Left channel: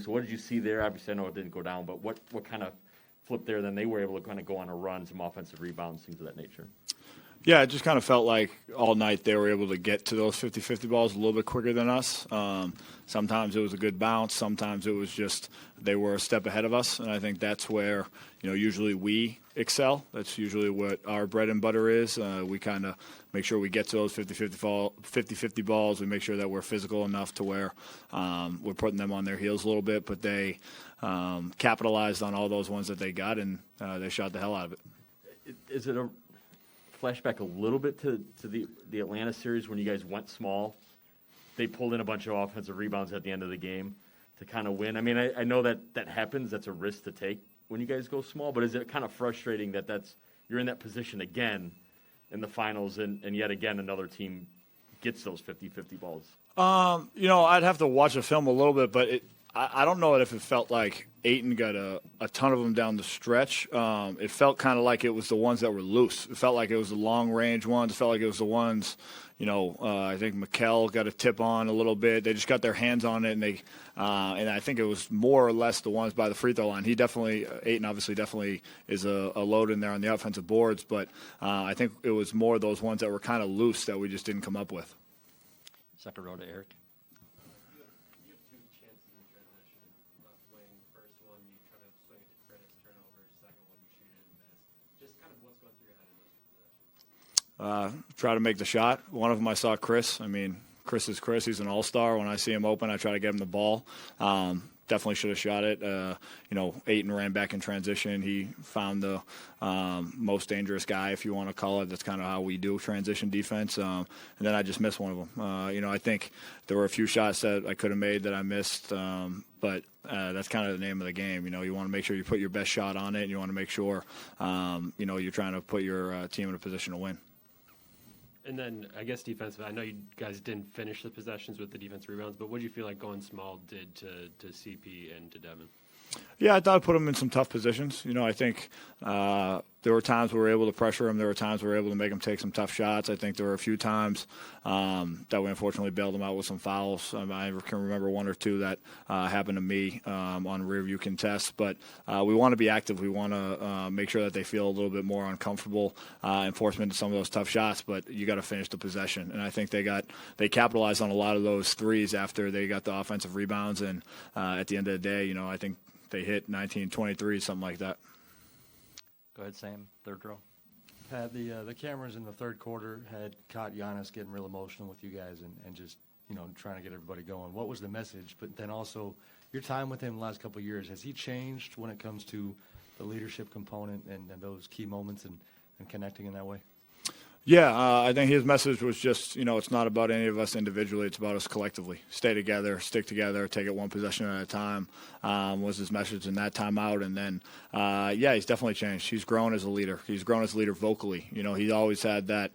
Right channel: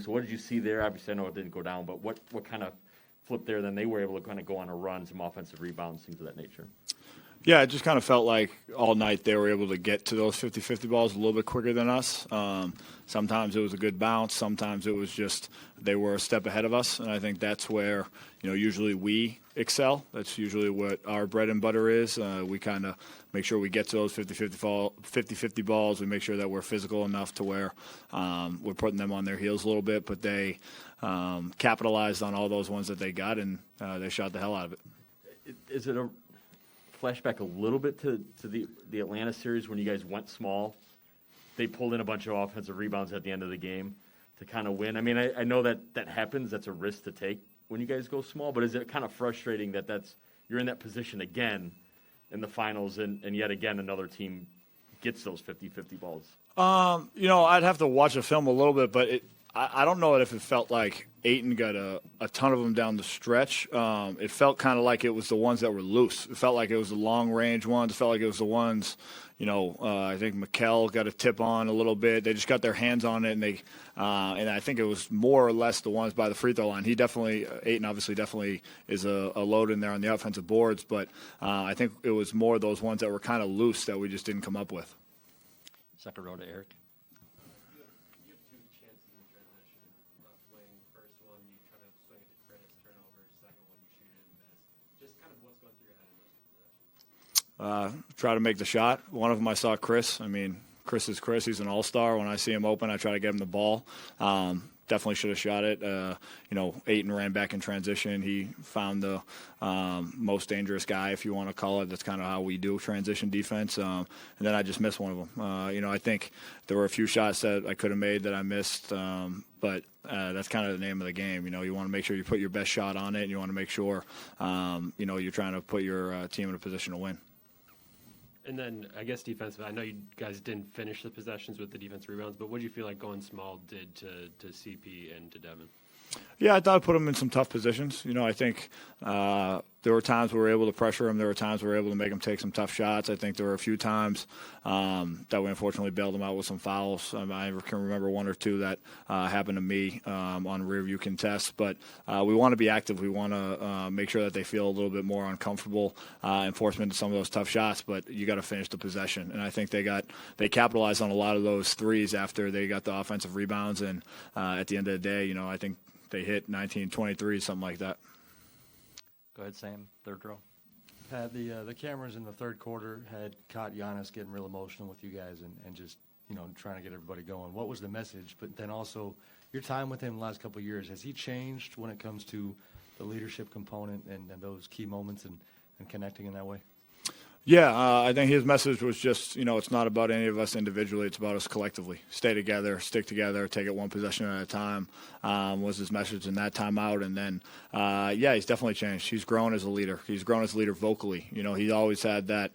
So what did you see there? Obviously, I know it didn't go down, but what kind of flipped there? Then they were able to kind of go on a run, some offensive rebounds, things of that nature. Yeah, it just kind of felt like all night they were able to get to those 50-50 balls a little bit quicker than us. Sometimes it was a good bounce. Sometimes it was just they were a step ahead of us, and I think that's where usually we excel. That's usually what our bread and butter is. We kind of make sure we get to those 50-50 balls. We make sure that we're physical enough to where we're putting them on their heels a little bit, but they capitalized on all those ones that they got, and they shot the hell out of it. Is it a flashback a little bit to the Atlanta series when you guys went small? They pulled in a bunch of offensive rebounds at the end of the game to kind of win. I mean, I know that happens. That's a risk to take when you guys go small, but is it kind of frustrating that you're in that position again in the finals and yet again another team gets those 50-50 balls? I'd have to watch the film a little bit, but I don't know if it felt like Ayton got a ton of them down the stretch. It felt kind of like it was the ones that were loose. It felt like it was the long-range ones. It felt like it was the ones, I think Mikal got a tip on a little bit. They just got their hands on it, and I think it was more or less the ones by the free throw line. Ayton obviously definitely is a load in there on the offensive boards, but I think it was more those ones that were kind of loose that we just didn't come up with. Second row to Eric. Try to make the shot. One of them I saw Chris. I mean, Chris is Chris. He's an all-star. When I see him open, I try to get him the ball. Definitely should have shot it. Ayton ran back in transition. He found the most dangerous guy, if you want to call it. That's kind of how we do transition defense. And then I just missed one of them. I think there were a few shots that I could have made that I missed, but that's kind of the name of the game. You want to make sure you put your best shot on it, and you want to make sure, you're trying to put your team in a position to win. And then, I guess defensively, I know you guys didn't finish the possessions with the defensive rebounds, but what do you feel like going small did to CP and to Devin? Yeah, I thought I put them in some tough positions. I think there were times we were able to pressure them. There were times we were able to make them take some tough shots. I think there were a few times that we unfortunately bailed them out with some fouls. I can remember one or two that happened to me on a rear view contest. But we want to be active. We want to make sure that they feel a little bit more uncomfortable enforcement of some of those tough shots. But you got to finish the possession. And I think they capitalized on a lot of those threes after they got the offensive rebounds. And at the end of the day, I think they hit 19, 23, something like that. Go ahead, Sam, third row. Pat, the cameras in the third quarter had caught Giannis getting real emotional with you guys and just, trying to get everybody going. What was the message? But then also, your time with him the last couple of years, has he changed when it comes to the leadership component and those key moments and connecting in that way? Yeah, I think his message was just, it's not about any of us individually. It's about us collectively. Stay together, stick together, take it one possession at a time was his message in that timeout. And then, he's definitely changed. He's grown as a leader. He's grown as a leader vocally. He always had that,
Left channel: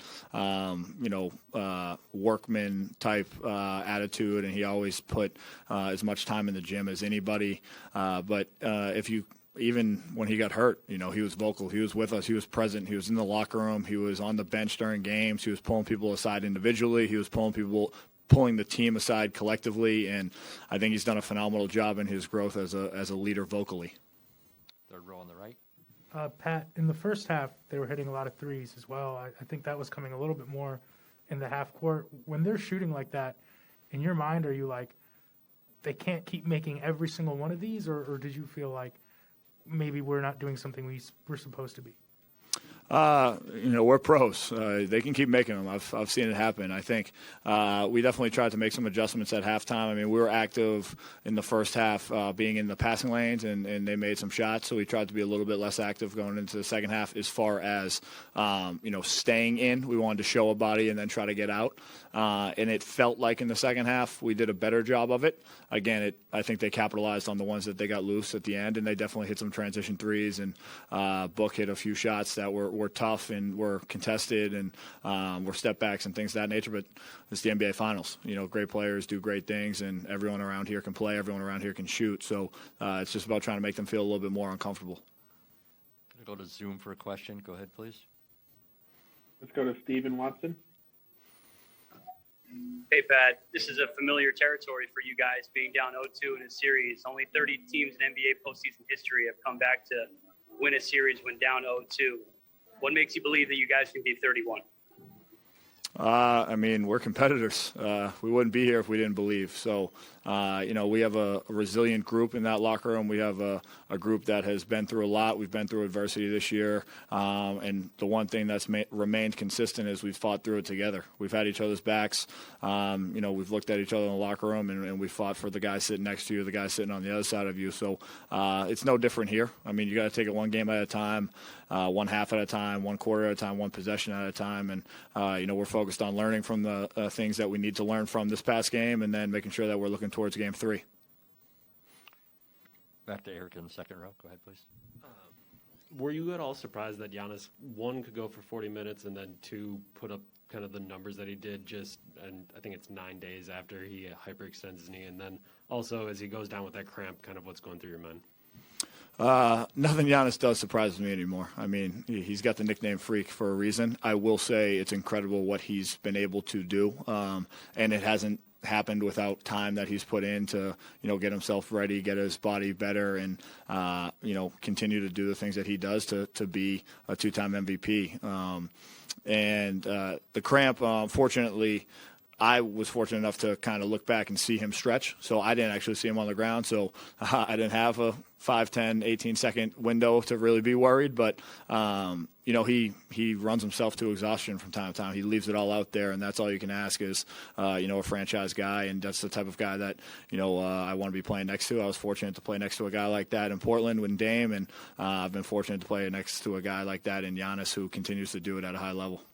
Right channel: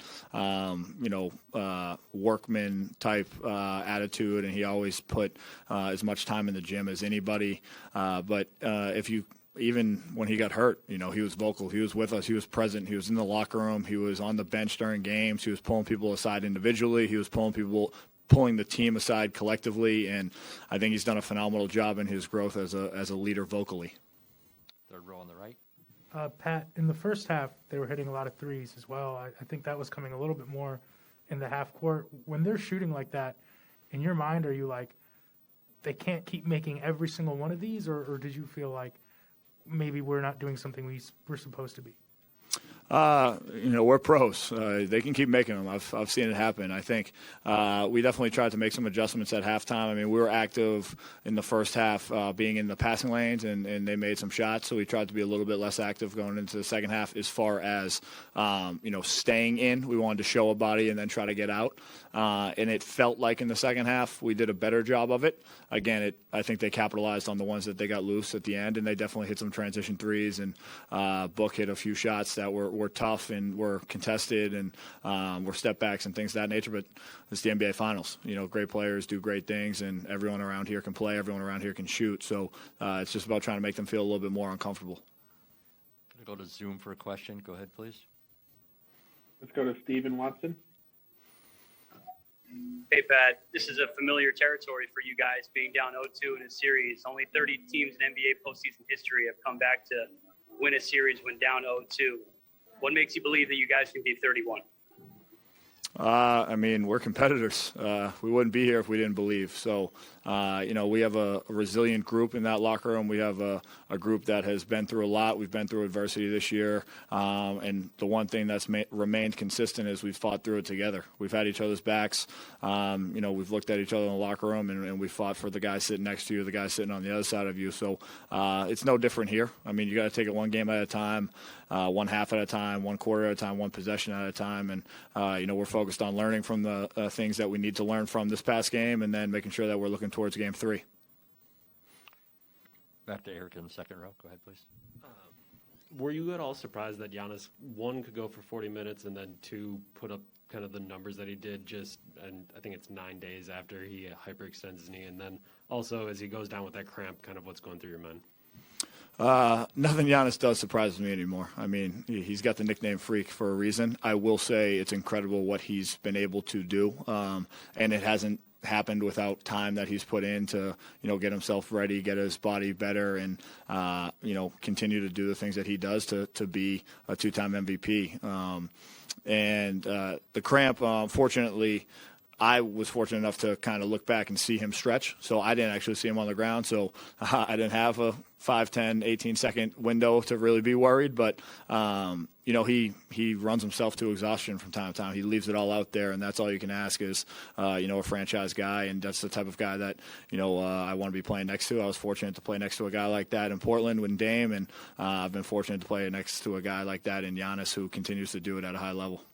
workman type attitude, and he always put as much time in the gym as anybody. But even when he got hurt, he was vocal. He was with us. He was present. He was in the locker room. He was on the bench during games. He was pulling people aside individually. He was pulling the team aside collectively. And I think he's done a phenomenal job in his growth as a leader vocally. Third row on the right. Pat, in the first half, they were hitting a lot of threes as well. I think that was coming a little bit more in the half court. When they're shooting like that, in your mind, are you like, they can't keep making every single one of these? Or did you feel like, maybe we're not doing something we're supposed to be? We're pros. They can keep making them. I've seen it happen. I think we definitely tried to make some adjustments at halftime. I mean, we were active in the first half, being in the passing lanes, and they made some shots. So we tried to be a little bit less active going into the second half as far as, staying in. We wanted to show a body and then try to get out. And it felt like in the second half we did a better job of it. Again, I think they capitalized on the ones that they got loose at the end, and they definitely hit some transition threes, and Book hit a few shots that were tough and were contested and were step backs and things of that nature. But it's the NBA Finals. Great players do great things, and everyone around here can play. Everyone around here can shoot. So it's just about trying to make them feel a little bit more uncomfortable. Go to Zoom for a question. Go ahead, please. Let's go to Stephen Watson. Hey, Pat, this is a familiar territory for you guys, being down 0-2 in a series. Only 30 teams in NBA postseason history have come back to win a series when down 0-2. What makes you believe that you guys can be 31? I mean, we're competitors. We wouldn't be here if we didn't believe. So, we have a resilient group in that locker room. We have a group that has been through a lot. We've been through adversity this year. And the one thing that's remained consistent is we've fought through it together. We've had each other's backs. We've looked at each other in the locker room, and we fought for the guy sitting next to you, the guy sitting on the other side of you. So it's no different here. I mean, you got to take it one game at a time, one half at a time, one quarter at a time, one possession at a time. And, we're focused on learning from the things that we need to learn from this past game and then making sure that we're looking towards game 3. Back to Eric in the second row. Go ahead, please. Were you at all surprised that Giannis, 1, could go for 40 minutes and then 2, put up kind of the numbers that he did and I think it's 9 days after he hyperextends his knee, and then also as he goes down with that cramp, kind of what's going through your mind? Nothing Giannis does surprises me anymore. I mean, he's got the nickname Freak for a reason. I will say it's incredible what he's been able to do, and it hasn't happened without time that he's put in to, get himself ready, get his body better, and, continue to do the things that he does to be a 2-time MVP. The cramp, fortunately, I was fortunate enough to kind of look back and see him stretch, so I didn't actually see him on the ground, so I didn't have a 5, 10, 18-second window to really be worried, but, he runs himself to exhaustion from time to time. He leaves it all out there, and that's all you can ask is, a franchise guy, and that's the type of guy that, I want to be playing next to. I was fortunate to play next to a guy like that in Portland with Dame, and I've been fortunate to play next to a guy like that in Giannis who continues to do it at a high level.